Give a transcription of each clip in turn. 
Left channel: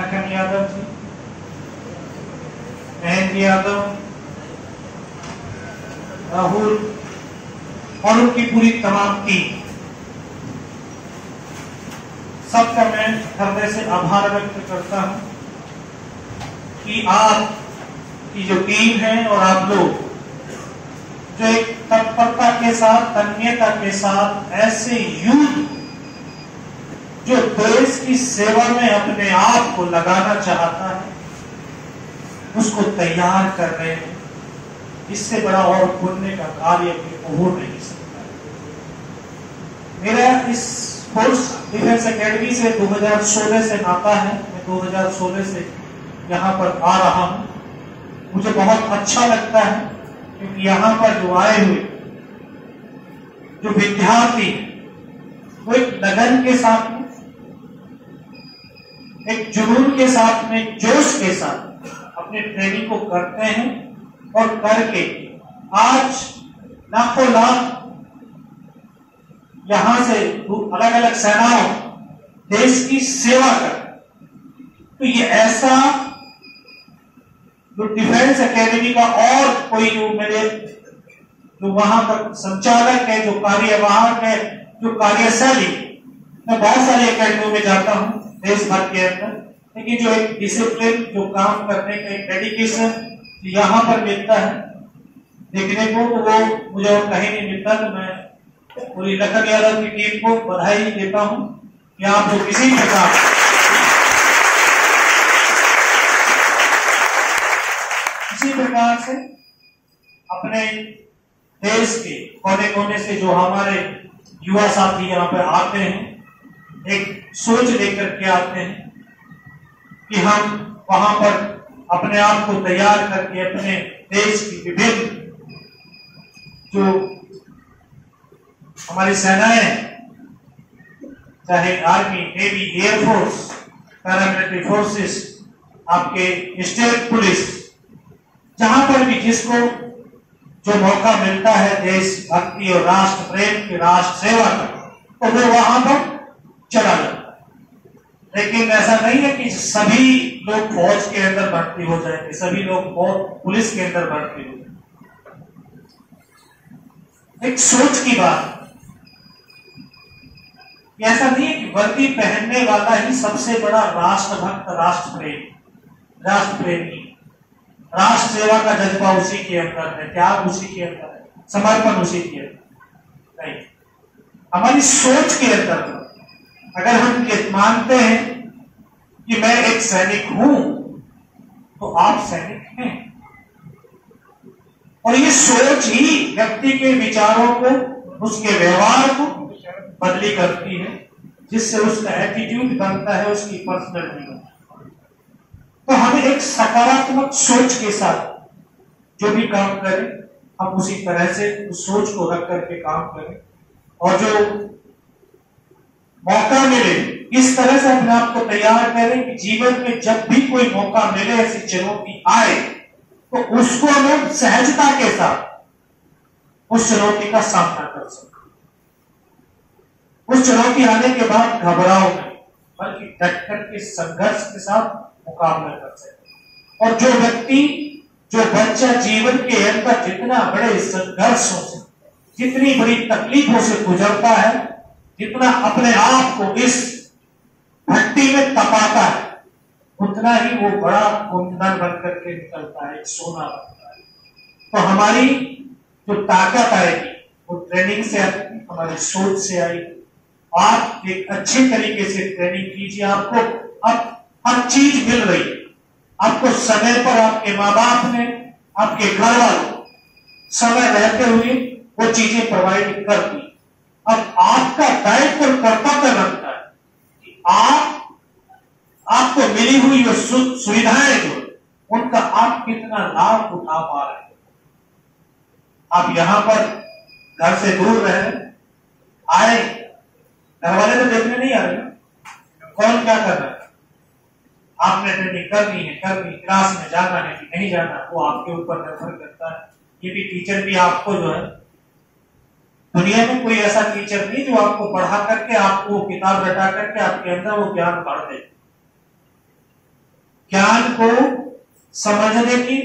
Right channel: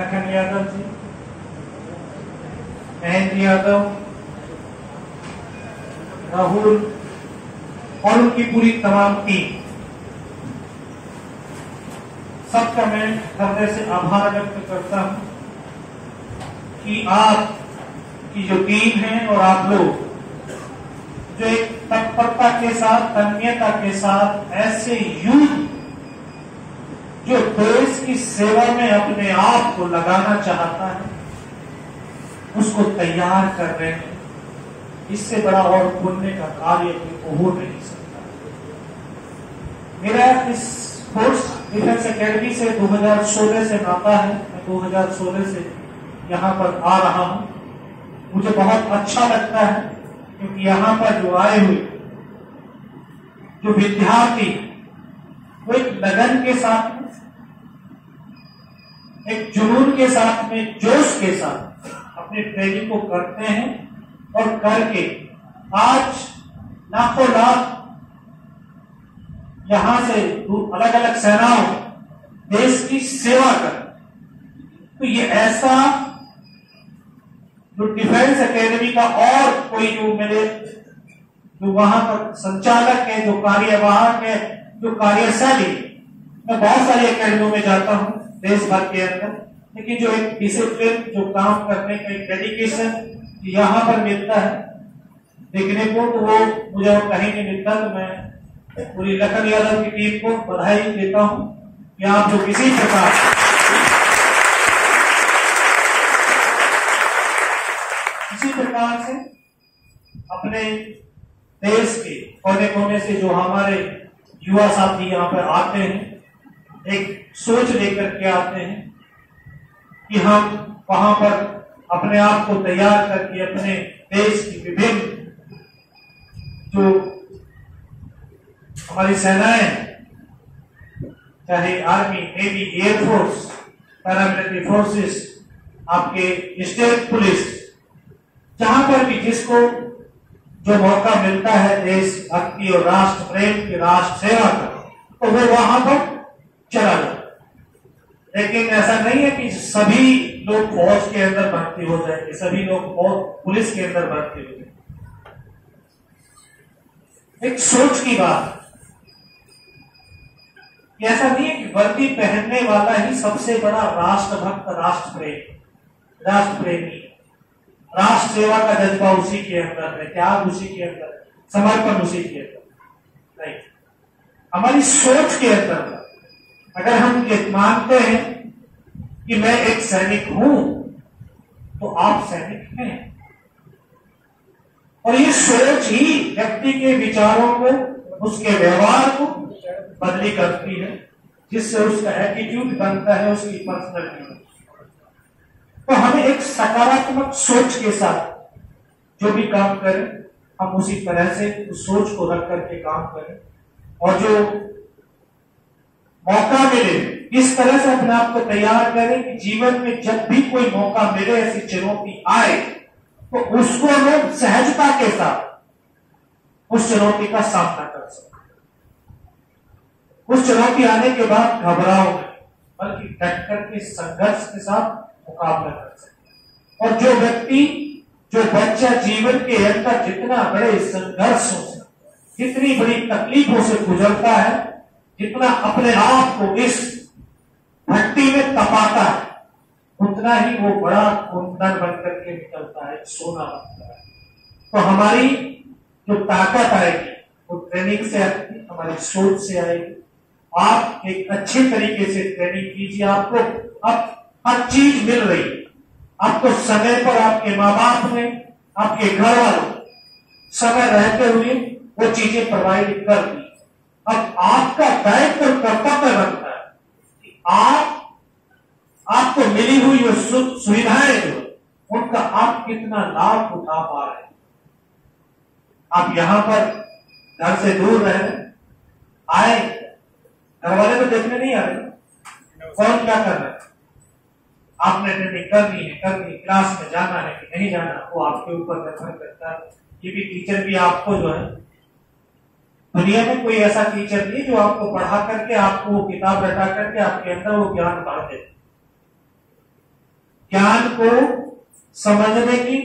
लखन यादव जी, महेंद्र यादव, राहुल और उनकी पूरी तमाम टीम, सबका मैं हृदय से आभार व्यक्त करता हूं कि आप की जो टीम है और आप लोग जो एक तत्परता के साथ, तन्मयता के साथ ऐसे युद्ध जो देश की सेवा में अपने आप को लगाना चाहता है उसको तैयार कर रहे हैं, इससे बड़ा और पुण्य का कार्य हो नहीं सकता। मेरा इस फोर्स डिफेंस एकेडमी से 2016 से नाता है। मैं 2016 से यहाँ पर आ रहा हूँ। मुझे बहुत अच्छा लगता है क्योंकि यहाँ पर जो आए हुए जो विद्यार्थी वो एक लगन के साथ में, एक जुनून के साथ में, जोश के साथ अपने ट्रेनिंग को करते हैं और करके आज लाखों लाख यहां से अलग अलग सेनाओं देश की सेवा कर। तो ये ऐसा जो डिफेंस एकेडमी का और कोई जो मेरे जो वहां पर संचालक है, जो कार्यवाहक है, जो कार्यशैली, मैं बहुत सारी एकेडमियों में जाता हूं देश भर के अंदर, लेकिन जो एक डिसिप्लिन, जो काम करने का एक डेडिकेशन यहाँ पर मिलता है देखने को, तो वो मुझे और कहीं नहीं मिलता। तो मैं पूरी लखन यादव की टीम को बधाई देता हूं कि आप जो किसी प्रकार से अपने देश के कोने कोने से जो हमारे युवा साथी यहाँ पर आते हैं, एक सोच लेकर के आते हैं कि हम वहां पर अपने आप को तैयार करके अपने देश की विभिन्न जो हमारी सेनाएं, चाहे army, navy, air force, paramilitary forces, आपके स्टेट पुलिस, जहां पर भी जिसको जो मौका मिलता है देश भक्ति और राष्ट्र प्रेम की, राष्ट्र सेवा का, तो वो वहां पर चला जाता है। लेकिन ऐसा नहीं है कि सभी लोग फौज के अंदर भर्ती हो जाएंगे, सभी लोग पुलिस के अंदर भर्ती हो जाएंगे। एक सोच की बात, ऐसा नहीं है कि वर्दी पहनने वाला ही सबसे बड़ा राष्ट्रभक्त, राष्ट्र प्रेमी, राष्ट्र सेवा का जज्बा उसी के अंदर है, त्याग उसी के अंदर है, समर्पण उसी के अंदर नहीं, हमारी सोच के अंदर। अगर हम ये मानते हैं कि मैं एक सैनिक हूं, तो आप सैनिक हैं, और ये सोच ही व्यक्ति के विचारों को, उसके व्यवहार को बदली करती है, जिससे उसका एटीट्यूड बनता है, उसकी पर्सनैलिटी। तो हमें एक सकारात्मक सोच के साथ जो भी काम करें, हम उसी तरह से उस सोच को रख करके काम करें, और जो मौका मिले इस तरह से अपने आप को तैयार करें कि जीवन में जब भी कोई मौका मिले, ऐसी चुनौती आए, तो उसको हमें सहजता के साथ उस चुनौती का सामना कर सकें। उस चुनौती आने के बाद घबराओ नहीं, बल्कि डट कर के संघर्ष के साथ मुकाबला कर सके। और जो व्यक्ति, जो बच्चा जीवन के अंदर जितना बड़े संघर्षों से, जितनी बड़ी तकलीफों से गुजरता है, जितना अपने आप को इस भट्टी में तपाता है, उतना ही वो बड़ा कुंदन बन करके निकलता है, सोना बनता है। तो हमारी जो ताकत आएगी वो ट्रेनिंग से आएगी, हमारी सोच से आएगी। आप एक अच्छे तरीके से ट्रेनिंग कीजिए, आपको अब हर चीज मिल रही है, आपको समय पर आपके माँ बाप ने, आपके घर वालों समय रहते हुए वो चीजें प्रोवाइड कर दी। अब आपका दायित्व और कर्तव्य बनता है कि आपको मिली हुई जो सुविधाएं जो उनका आप कितना लाभ उठा पा रहे हैं। आप यहां पर घर से दूर रहे, आए, घर वाले तो देखने नहीं आ रहे, कौन क्या कर रहा है, आपने ट्रेनिंग करनी है, क्लास में जाना है कि नहीं जाना, वो आपके ऊपर निर्भर करता है। ये भी टीचर भी आपको जो है, दुनिया में कोई ऐसा टीचर नहीं जो आपको पढ़ा करके, आपको किताब रटा करके आपके अंदर वो ज्ञान भर दे। को समझने की,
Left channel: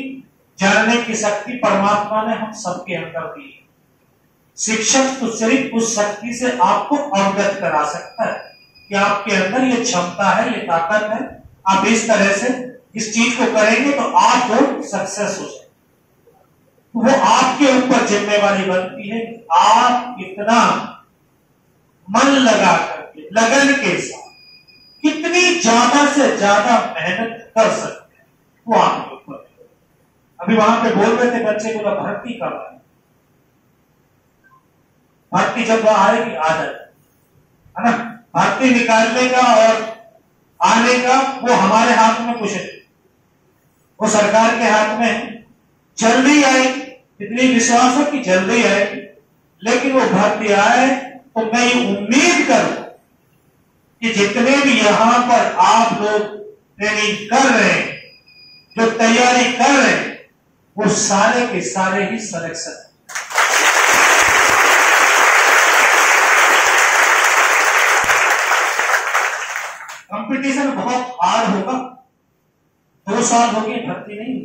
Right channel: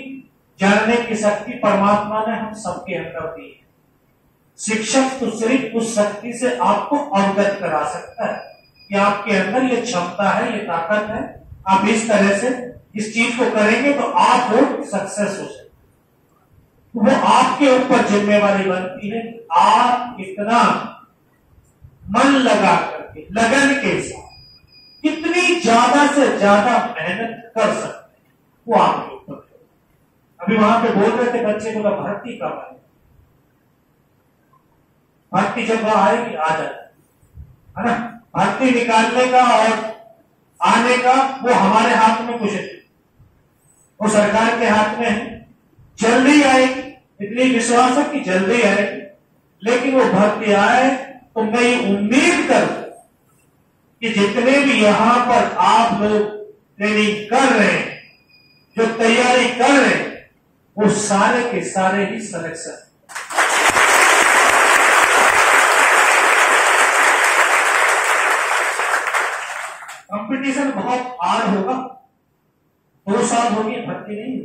जानने की शक्ति परमात्मा ने हम सबके अंदर दी है। शिक्षक तो सिर्फ उस शक्ति से आपको अवगत करा सकता है कि आपके अंदर ये क्षमता है, ये ताकत है, आप इस तरह से इस चीज को करेंगे तो आप सक्सेस हो जाएंगे। वो आपके ऊपर जिम्मेवारी बनती है कि आप कितना मन लगा करके, लगन के साथ कितनी ज्यादा से ज्यादा मेहनत कर सकते हैं, वो आपके ऊपर है। अभी वहां पे बोल रहे थे बच्चे, बोला भर्ती कब आए, भर्ती जब आएगी आ जाए, है ना। भर्ती निकालने का और आने का वो हमारे हाथ में कुछ नहीं, वो सरकार के हाथ में है। जल्दी आएगी, इतनी विश्वास है कि जल्दी आएगी, लेकिन वो भर्ती आए तो मैं ये उम्मीद करूं कि जितने भी यहां पर आप लोग ट्रेनिंग कर रहे हैं, जो तैयारी कर रहे हैं, वो सारे के सारे ही सिलेक्शन। कंपटीशन बहुत हार्ड होगा, 2 साल हो गए भर्ती नहीं,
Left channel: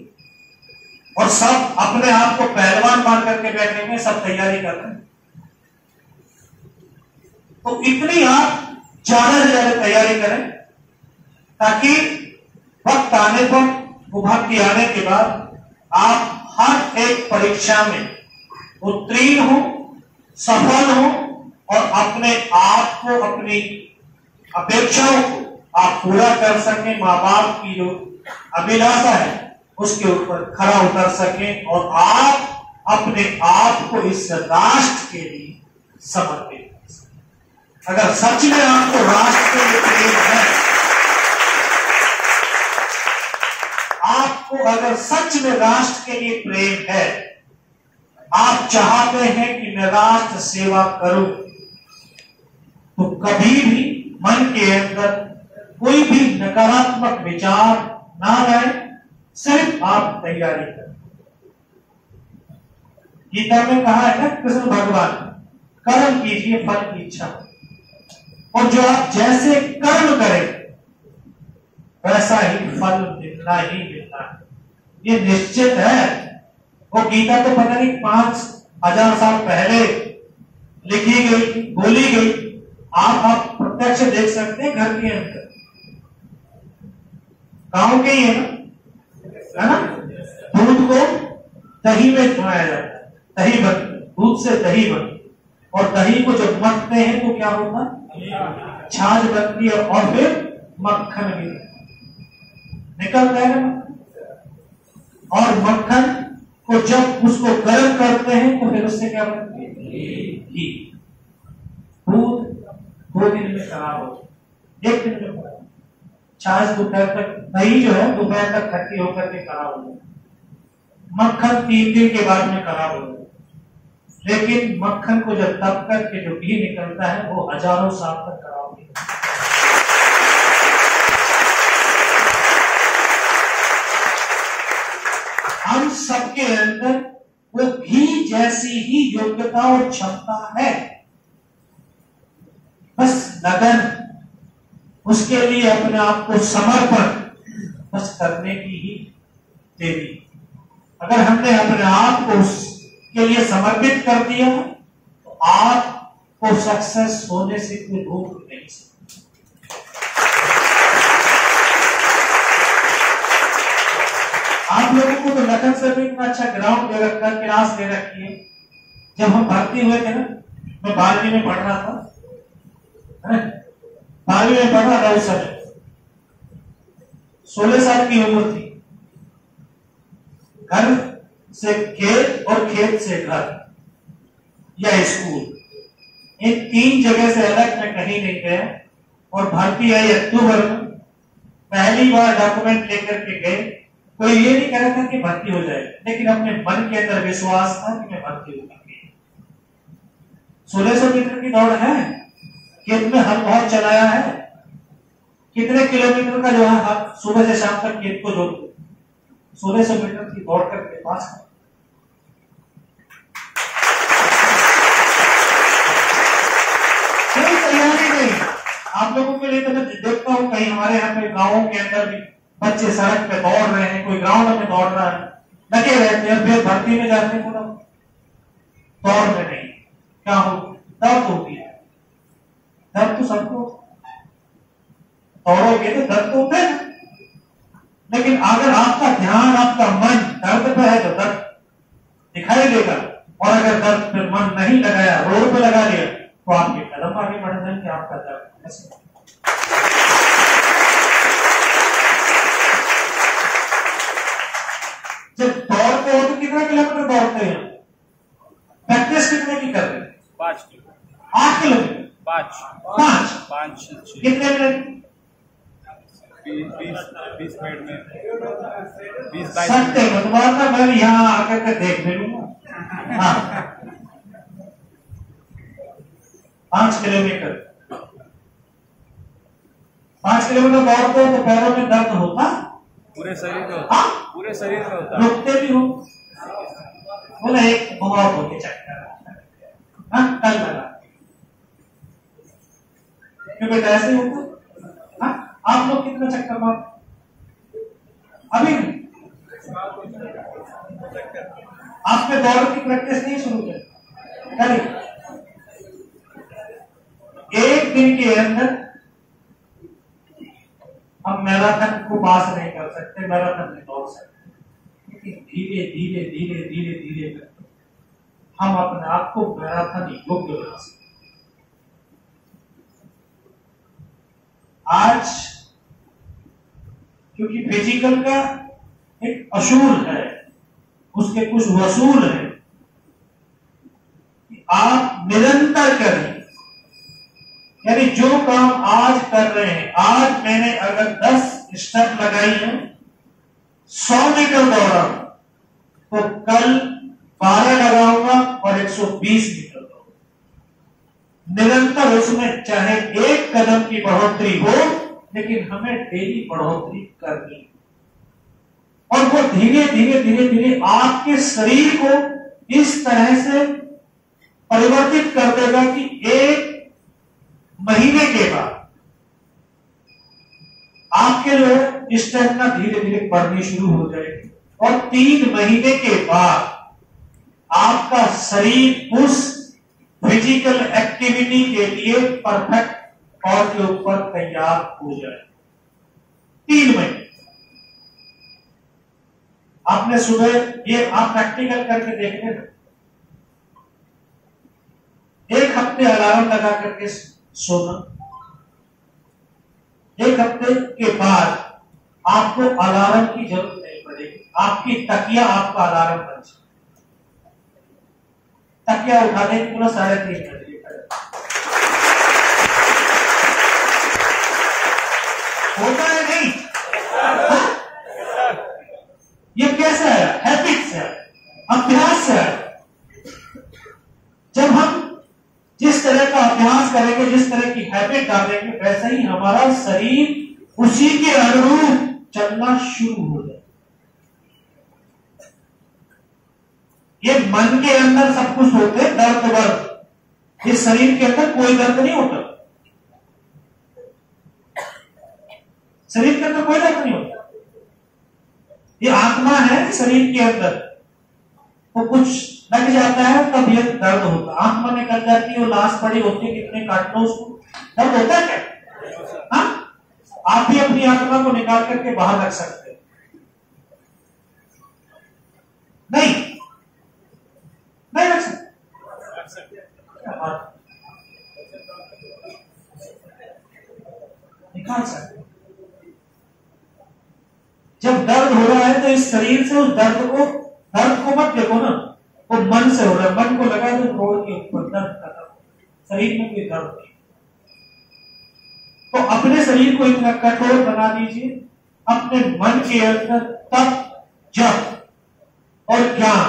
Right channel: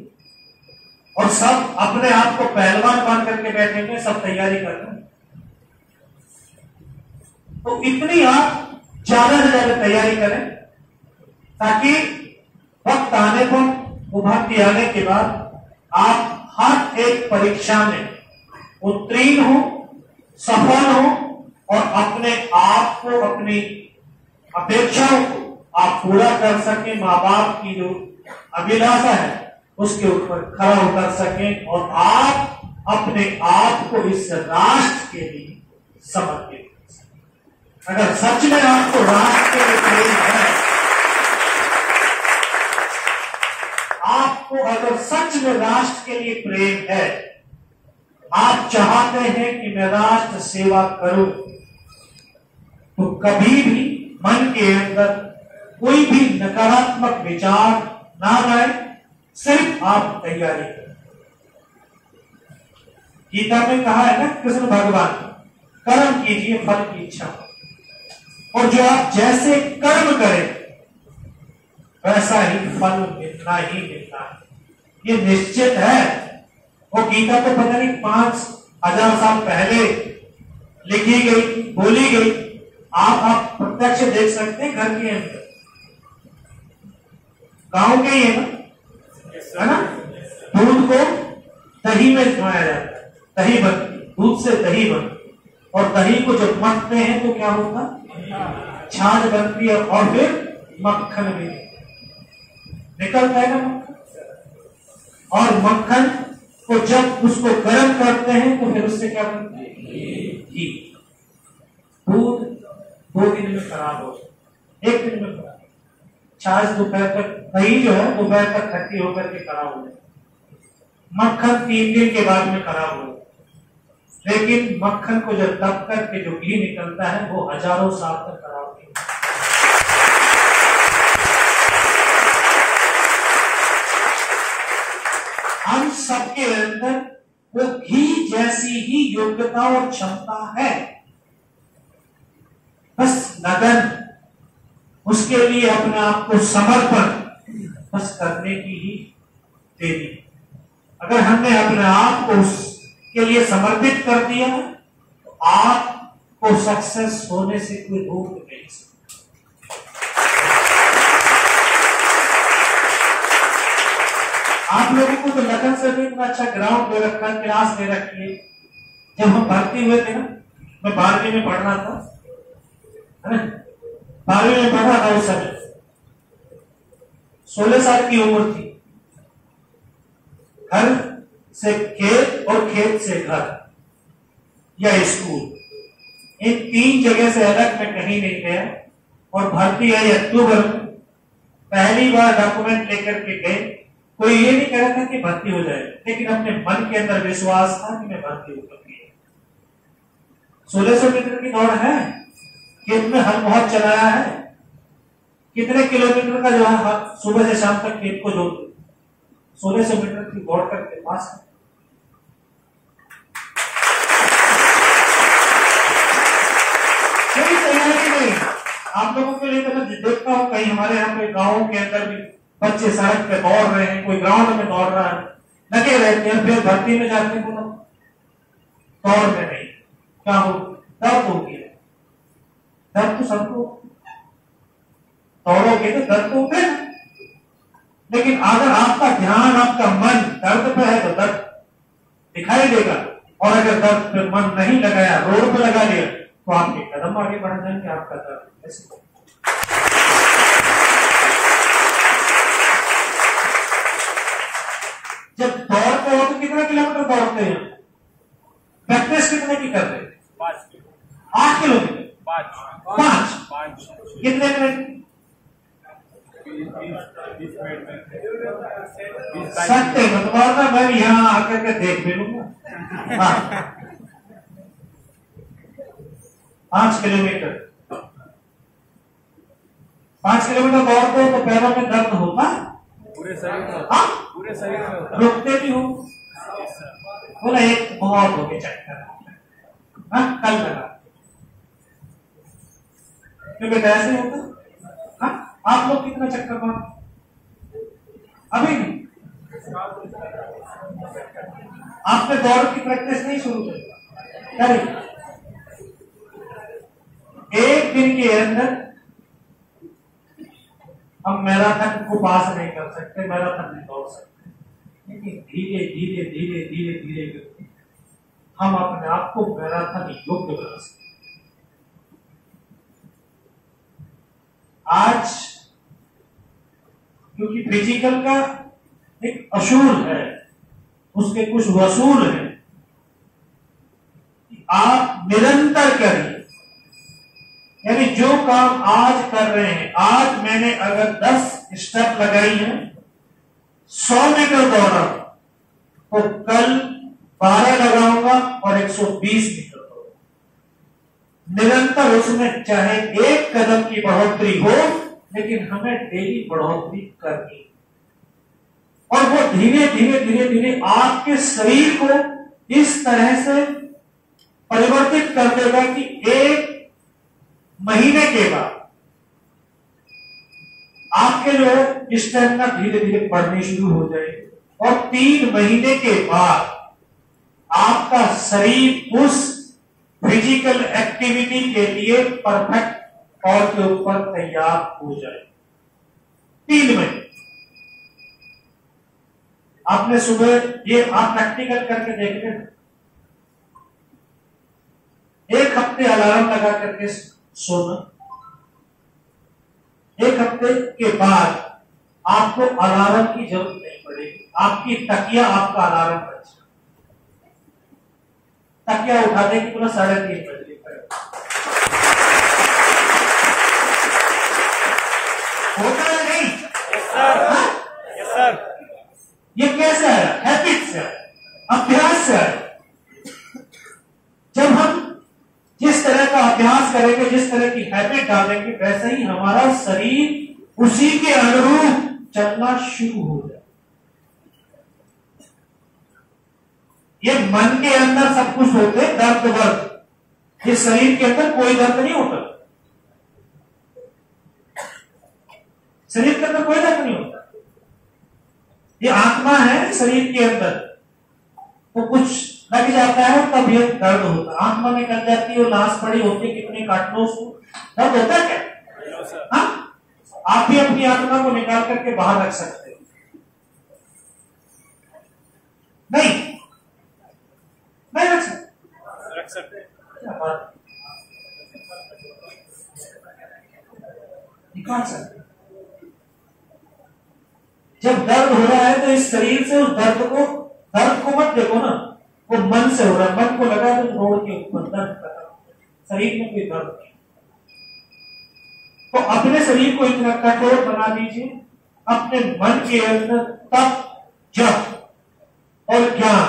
और सब अपने आप को पहलवान मान करके बैठे हुए, सब तैयारी कर रहे हैं। तो इतनी आप ज्यादा से ज्यादा तैयारी करें ताकि वक्त आने पर, वो भर्ती आने के बाद आप हर एक परीक्षा में उत्तीर्ण हो, सफल हो, और अपने आप को, अपनी अपेक्षाओं को आप पूरा कर सकें, माँ बाप की जो अभिलाषा है उसके ऊपर खड़ा उतर सकें, और आप अपने आप को इस राष्ट्र के लिए समर्पित कर सकें। अगर सच में आपको राष्ट्र के लिए प्रेम है, आपको अगर सच में राष्ट्र के लिए प्रेम है, आप चाहते हैं कि मैं राष्ट्र सेवा करूं, तो कभी भी मन के अंदर कोई भी नकारात्मक विचार ना आए, सिर्फ आप तैयारी करें। गीता में कहा है ना कृष्ण भगवान, कर्म कीजिए फल की इच्छा, और जो आप जैसे कर्म करें वैसा ही फल मिलना ही मिलना है, ये निश्चित है। वो गीता तो पता नहीं 5000 साल पहले लिखी गई, बोली गई, आप प्रत्यक्ष देख सकते हैं घर के अंदर। गांव के ही है ना, दूध को दही में घुमाया जाता है, दही बनती, दूध से दही बनती, और दही को जब मथते हैं तो क्या होता है, छाछ बनती है, और फिर मक्खन भी निकलता है ना मक्खन। और मक्खन को जब उसको गर्म करते हैं तो फिर उससे क्या बनता है, घी। दूध 2 दिन में खराब हो, 1 दिन में खराब, छाछ दोपहर तक, दही जो है दोपहर तक खट्टी होकर के खराब हो जाए, मक्खन 3 दिन के बाद में खराब हो जाए। लेकिन मक्खन को जब तब करके जो घी निकलता है वो हजारों साल तक खराब नहीं होता। हम सबके अंदर वो घी जैसी ही योग्यता और क्षमता है, बस लगन, उसके लिए अपने आप को समर्पण बस करने की ही देरी। अगर हमने अपने आप को उसके लिए समर्पित कर दिया तो आपको सक्सेस होने से कोई रोक नहीं सकता। आप लोगों को तो लगन से भी इतना अच्छा ग्राउंड दे रखा, क्लास दे रखी है। जब हम भर्ती हुए थे ना, मैं 12वीं में पढ़ रहा था, 12वीं में पढ़ रहा था, उस समय 16 साल की उम्र थी। घर से खेत और खेत से घर या स्कूल, इन 3 जगह से अलग मैं कहीं नहीं गया, और भर्ती आई अक्टूबर में। पहली बार डॉक्यूमेंट लेकर के गए, कोई ये नहीं कह रहा था कि भर्ती हो जाए, लेकिन अपने मन के अंदर विश्वास था कि मैं भर्ती होकर के। 1600 मीटर की दौड़ है, खेत में हल बहुत चलाया है, कितने किलोमीटर का जो है सुबह से शाम तक खेत को जोड़ 1600 मीटर की दौड़ करके पास है। कोई तैयारी नहीं। आप लोगों के लिए तो मैं देखता हूं कहीं हमारे यहाँ पे गांवों के अंदर भी बच्चे सड़क पे दौड़ रहे हैं, कोई ग्राउंड में दौड़ रहा है, लगे रहते हैं, फिर भर्ती में जाते हैं तो दौड़ में नहीं, क्या हो, दर्द हो गया। दर्द तो सबको, दौड़ोगे तो दर्द तो होगा, लेकिन अगर आपका ध्यान, आपका मन दर्द पर है तो दर्द दिखाई देगा, और अगर दर्द पर मन नहीं लगाया, रोड पर लगा लिया, तो आपके कदम आगे बढ़ जाएंगे, आपका दर्द ऐसे। जब दौड़ते हो तो कितना किलोमीटर दौड़ते हैं? प्रैक्टिस कितने की कर रहे हैं? 8 किलोमीटर। 5 कितने मिनट? 20 मिनट में 20 सकते मतलब ना, मैं यहाँ आकर के देख भी लूंगा। 5 किलोमीटर 5 किलोमीटर दौड़ते हो तो पैरों में दर्द होता? पूरे शरीर में होता। पूरे शरीर में होता। रुकते भी हो? बोला एक बहुत हो गए चक्कर, कल लगा क्योंकि ऐसे होता। आप लोग कितना चक्कर मार? अभी नहीं? आपने दौड़ की प्रैक्टिस नहीं शुरू करी? एक दिन के अंदर हम मैराथन को पास नहीं कर सकते, मैराथन नहीं दौड़ सकते, लेकिन धीरे धीरे धीरे धीरे धीरे करके हम अपने आप को मैराथन योग्य बना सकते। आज क्योंकि फिजिकल का एक असूल है, उसके कुछ वसूल है, आप निरंतर करिए। यानी जो काम आज कर रहे हैं, आज मैंने अगर 10 स्टेप लगाई है, 100 मीटर दौड़ा, तो कल 12 लगाऊंगा और 120 मीटर दौड़ूंगा। निरंतर उसमें चाहे एक कदम की बढ़ोतरी हो, लेकिन हमें डेली बढ़ोतरी करनी, और वो धीरे धीरे धीरे धीरे आपके शरीर को इस तरह से परिवर्तित कर देगा कि 1 महीने के बाद आपके लिए स्टेमिना धीरे धीरे बढ़नी शुरू हो जाएगी, और 3 महीने के बाद आपका शरीर उस फिजिकल एक्टिविटी के लिए परफेक्ट और के ऊपर तैयार हो जाए। 3 महीने आपने सुबह, ये आप प्रैक्टिकल करके देख लेना, 1 हफ्ते अलार्म लगा करके सोना, 1 हफ्ते के बाद आपको अलार्म की जरूरत नहीं पड़ेगी, आपकी तकिया आपका अलार्म बन जाए। तकिया उठाने की तुरंत 3:30 बजे होता है नहीं? Yes, sir. ये कैसे है? हैबिट से, अभ्यास से। जब हम जिस तरह का अभ्यास करेंगे, जिस तरह की हैबिट डालेंगे, वैसे ही हमारा शरीर उसी के अनुरूप चलना शुरू हो जाए। ये मन के अंदर सब कुछ होते हैं, दर्द वर्द, इस शरीर के अंदर कोई दर्द नहीं होता, शरीर के अंदर कोई दर्द नहीं होता। ये आत्मा है शरीर के अंदर, तो कुछ लग जाता है तब ये दर्द होता है। आत्मा निकल जाती है, लाश पड़ी होती है, कितने काट लो उसको, दर्द होता है क्या? हाँ, आप भी अपनी आत्मा को निकाल करके बाहर रख सकते हो? नहीं, नहीं रख सकते। क्या बात, निकाल सकते। जब दर्द हो रहा है तो इस शरीर से उस दर्द को मत देखो ना, वो मन से हो रहा है, मन को लगा तो छोड़ के ऊपर दर्द खत्म, शरीर में कोई दर्द नहीं। तो अपने शरीर को इतना कठोर बना दीजिए, अपने मन के अंदर तप, जप और ज्ञान,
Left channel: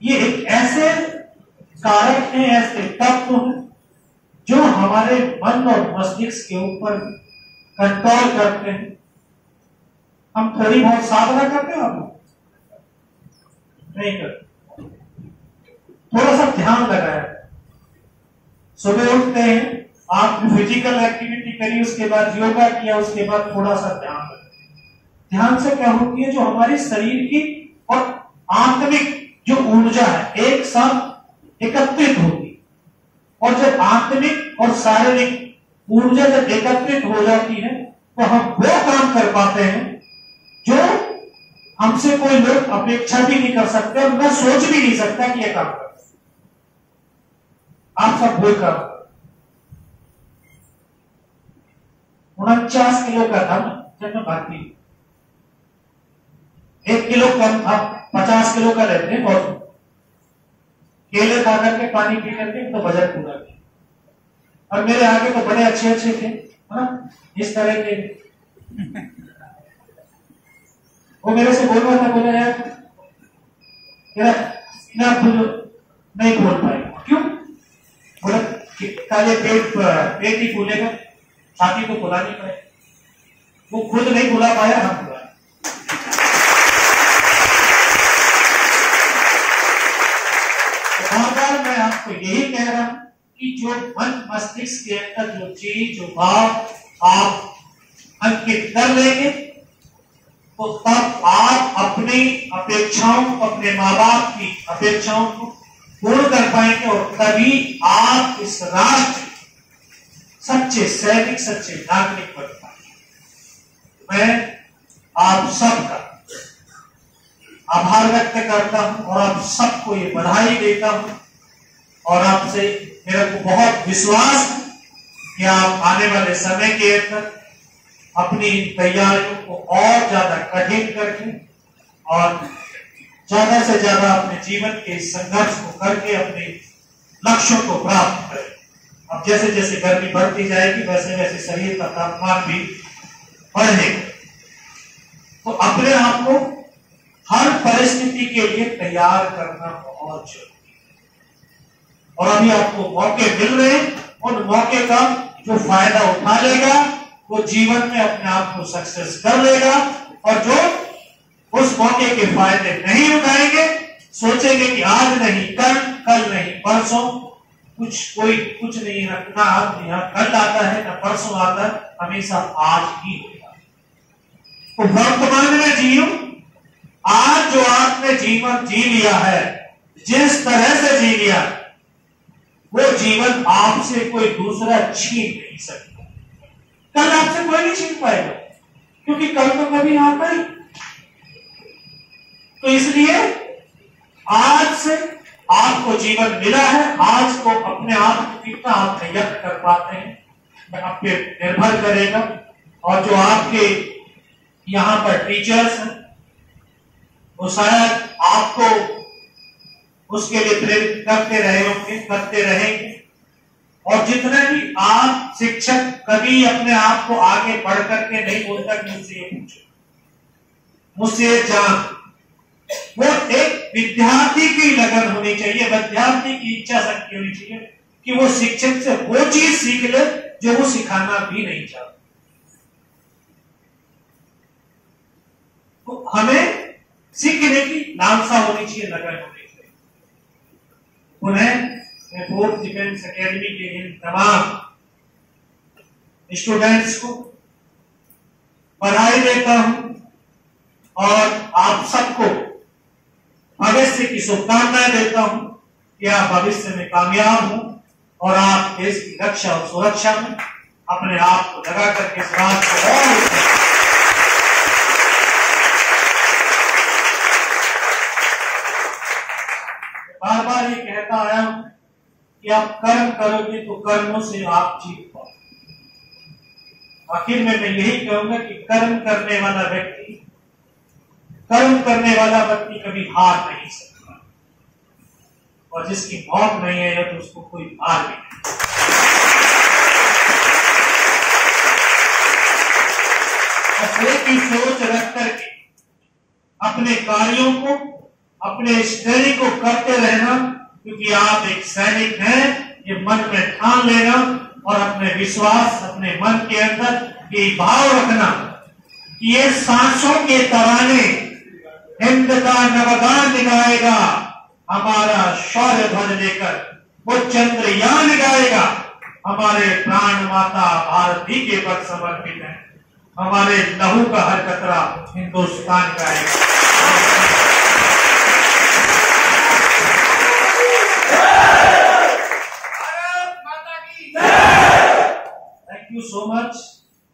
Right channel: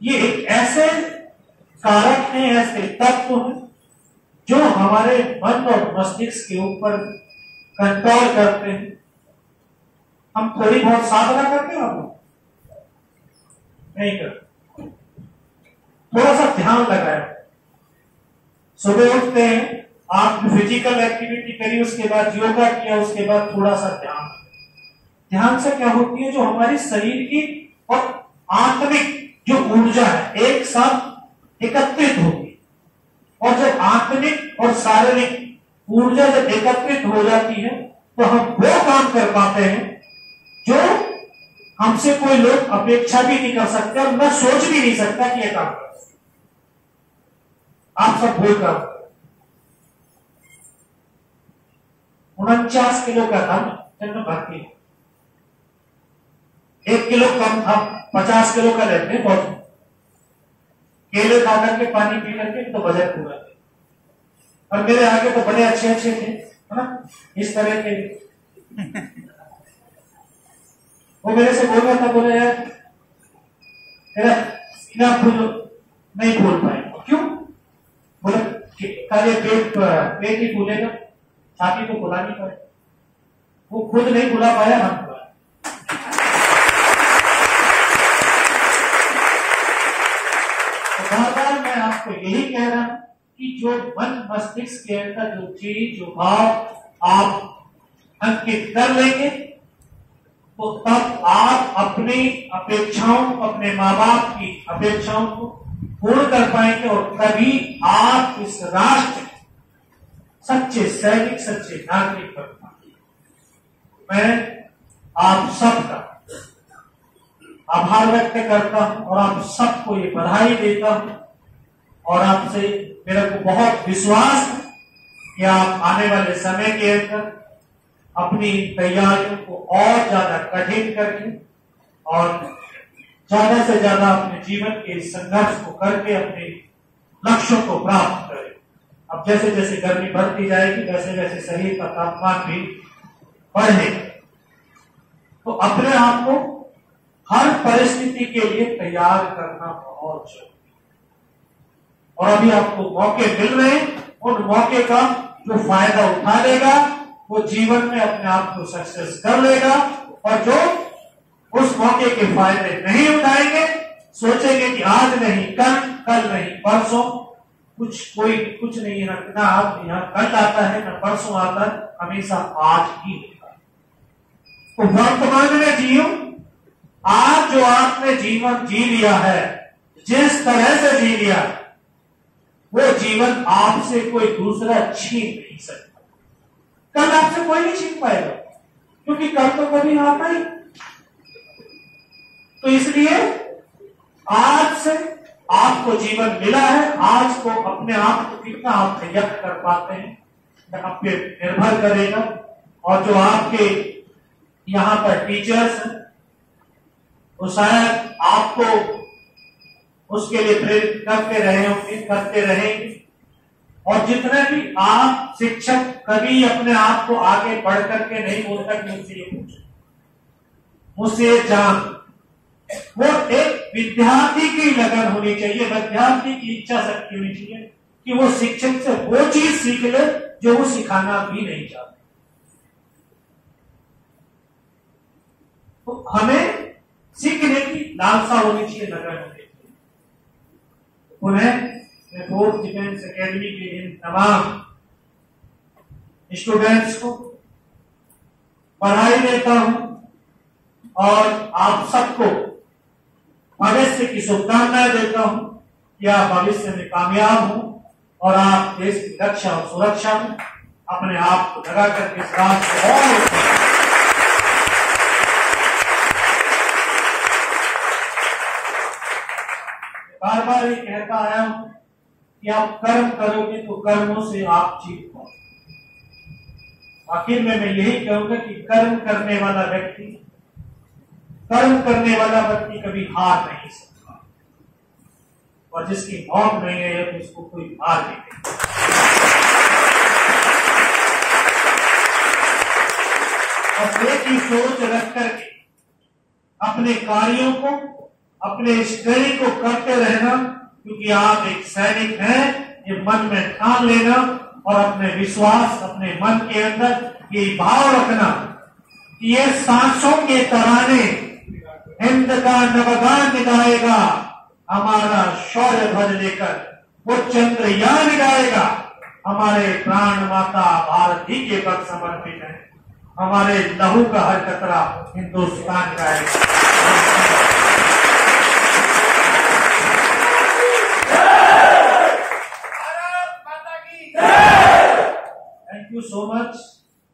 ये एक ऐसे कारक हैं, ऐसे तत्व हैं जो हमारे मन और मस्तिष्क के ऊपर कंट्रोल करते हैं। हम थोड़ी बहुत साधना करते हैं, आप नहीं करते, थोड़ा सा ध्यान लगाया, सुबह उठते हैं, आप फिजिकल एक्टिविटी करी, उसके बाद योगा किया, उसके बाद थोड़ा सा ध्यान रखें, ध्यान से क्या होती है, जो हमारी शरीर की और आत्मिक जो ऊर्जा है एक साथ एकत्रित होती है। और जब आत्मिक और शारीरिक ऊर्जा जब एकत्रित हो जाती है तो हम वो काम कर पाते हैं जो हमसे कोई लोग अपेक्षा भी नहीं कर सकते और मैं सोच भी नहीं सकता कि यह काम कर सकते। आप सब वो काम 49 किलो का था जब मैं भर्ती, 1 किलो कम था, 50 किलो का रहते हैं बहुत। केले खा करके पानी पी करके तो वजन पूरा किया। और मेरे आगे तो बड़े अच्छे अच्छे थे, है ना, इस तरह के। वो मेरे से बोल रहा था, बोला यार तेरा सीना नहीं बोल पाए। क्यों? बोला काले पेट ही फूलेगा, छाती तो फुला नहीं पाए। वो खुद नहीं फुला पाया, हम फुलाए। तो बार-बार मैं आपको यही कह रहा हूं कि जो मन मस्तिष्क के अंदर जो चीज जो भाव आप अंकित कर लेंगे तो तब आप अपनी अपेक्षाओं, अपने माँ बाप की अपेक्षाओं को पूर्ण कर पाएंगे और तभी आप इस राष्ट्र सच्चे सैनिक, सच्चे नागरिक बन पाएंगे। मैं आप सबका आभार व्यक्त करता हूं और आप सबको ये बधाई देता हूं और आपसे मेरे को बहुत विश्वास है कि आप आने वाले समय के अंदर अपनी तैयारियों को और ज्यादा कठिन करके और ज्यादा से ज्यादा अपने जीवन के संघर्ष को करके अपने लक्ष्यों को प्राप्त करें। अब जैसे जैसे गर्मी बढ़ती जाएगी वैसे वैसे शरीर का तापमान भी बढ़ेगा, तो अपने आप को हर परिस्थिति के लिए तैयार करना बहुत जरूरी है। और अभी आपको मौके मिल रहे हैं, उन मौके का जो फायदा उठा लेगा वो जीवन में अपने आप को सक्सेस कर लेगा, और जो उस मौके के फायदे नहीं उठाएंगे, सोचेंगे कि आज नहीं कल, कल नहीं परसों, कुछ नहीं है, ना आप यहाँ कल आता है ना परसों आता है, हमेशा आज ही होता है। तो वर्तमान में जियो। आज जो आपने जीवन जी लिया है, जिस तरह से जी लिया, वो जीवन आपसे कोई दूसरा छीन नहीं सकता। कल आपसे कोई नहीं छीन पाएगा, क्योंकि कल तो कभी आता ही। तो इसलिए आज से आपको जीवन मिला है, आज को अपने आप को कितना आप तैयार कर पाते हैं आप पे निर्भर करेगा। और जो आपके यहाँ पर टीचर्स हैं वो शायद आपको उसके लिए प्रेरित करते रहे होंगे, करते रहेंगे। और जितने भी आप शिक्षक कभी अपने आप को आगे बढ़ करके नहीं बोलता कि मुझसे ये पूछो, मुझसे ये जान, वो एक विद्यार्थी की लगन होनी चाहिए, विद्यार्थी की इच्छा शक्ति होनी चाहिए कि वो शिक्षक से वो चीज सीख ले जो वो सिखाना भी नहीं चाहता। तो हमें सीखने की लालसा होनी चाहिए, लगन होनी चाहिए। उन्हें मैं फोर्थ डिफेंस एकेडमी के इन तमाम स्टूडेंट्स को बधाई देता हूं और आप सबको भविष्य की शुभकामनाएं देता हूं कि आप भविष्य में कामयाब हो और आप देश की रक्षा और सुरक्षा में अपने आप को लगा करके इस राष्ट्र को और बार बार ये कहता आया हूं कि आप कर्म करोगे तो कर्मों से आप जीत पाओ। आखिर में मैं यही कहूंगा कि कर्म करने वाला व्यक्ति कभी हार नहीं सकता, और जिसकी मौत नहीं है तो उसको कोई हार भी नहीं। एक ही सोच रख करके अपने कार्यों को, अपने स्टडी को करते रहना, क्योंकि आप एक सैनिक हैं, ये मन में ठान लेना और अपने विश्वास, अपने मन के अंदर ये भाव रखना कि ये सांसों के तराने हिंद का नवगान गाएगा, हमारा शौर्य ध्वज लेकर वो चंद्रयान गाएगा, हमारे प्राण माता भारती के पद समर्पित है। हमारे लहू का हर कतरा हिंदुस्तान का है। Thank you so much.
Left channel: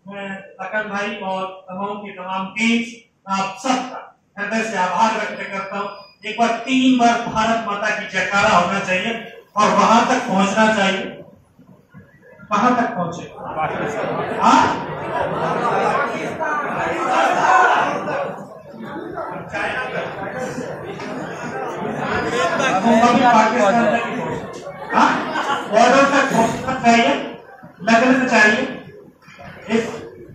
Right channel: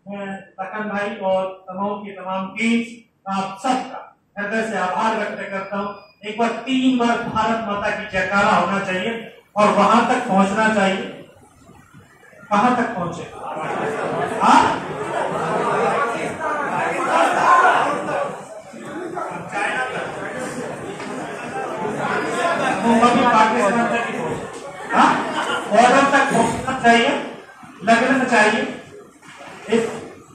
मैं लखन भाई और तमाम टीम आप सबका हृदय से आभार व्यक्त करता हूँ। एक बार 3 बार भारत माता की जयकारा होना चाहिए और वहां तक पहुंचना चाहिए। कहां तक पहुंचे? चाइना तक, पाकिस्तान तक ही पहुंचे। बॉर्डर तक पहुंचना चाहिए, लगना चाहिए। इस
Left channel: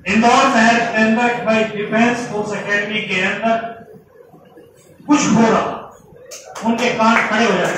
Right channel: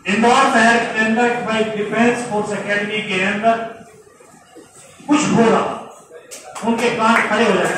इंदौर शहर के अंदर भाई डिफेंस फोर्स एकेडमी के अंदर कुछ हो रहा, उनके कान खड़े हो जाए।